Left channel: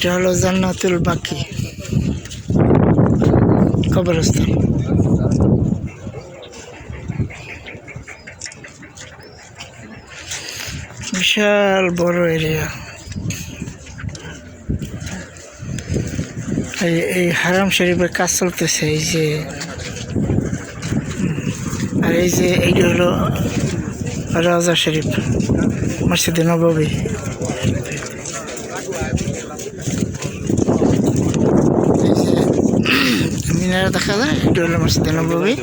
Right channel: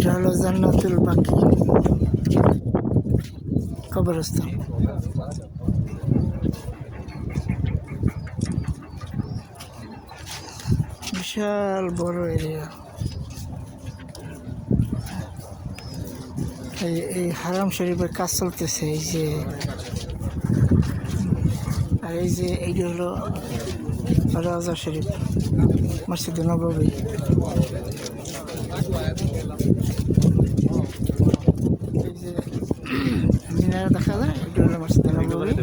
এটা হলো জান্নাতুল বাকি কবরস্থান। বিশাল বড় এরিয়া। এই হারাম শরীফের কাজ চলতেছে। এই যে আর এই যে এইটা হলো রাজা শরীফ, মসজিদে নববী। এই যে মিনারা দেখা যায়, এটা হলো মসজিদে নববী।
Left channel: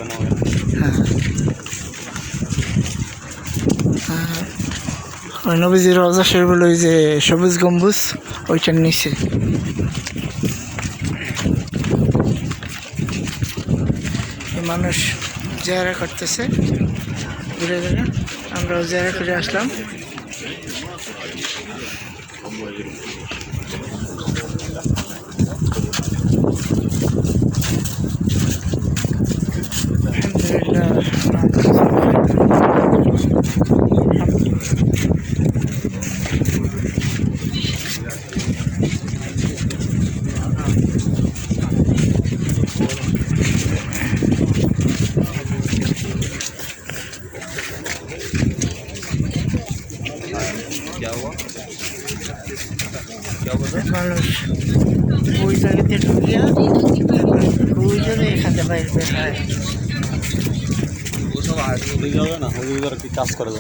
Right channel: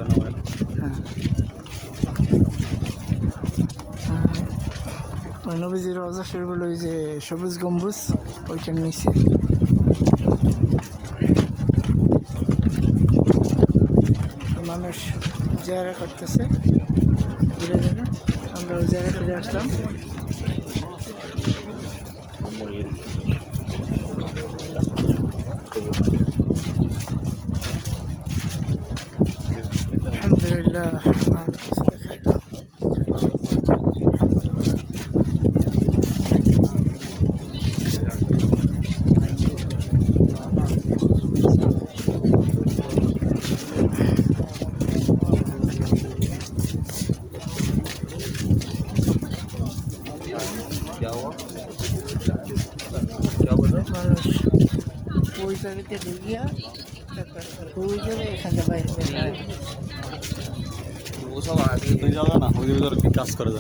হ্যাঁ, ওই নবীজির রাজা শরীফ হলো ওই যে সবুজ গম্বুজ, ওইটার নিচে। মানুষ জিয়ারা করতেছে ঘুরে ঘুরে, আমরাও জিয়ারা করে আসলাম। মানুষ ওই জায়গাতে ঢুকিয়া ওই জায়গায় এখানে বাইরে বের হয়। কাজ করে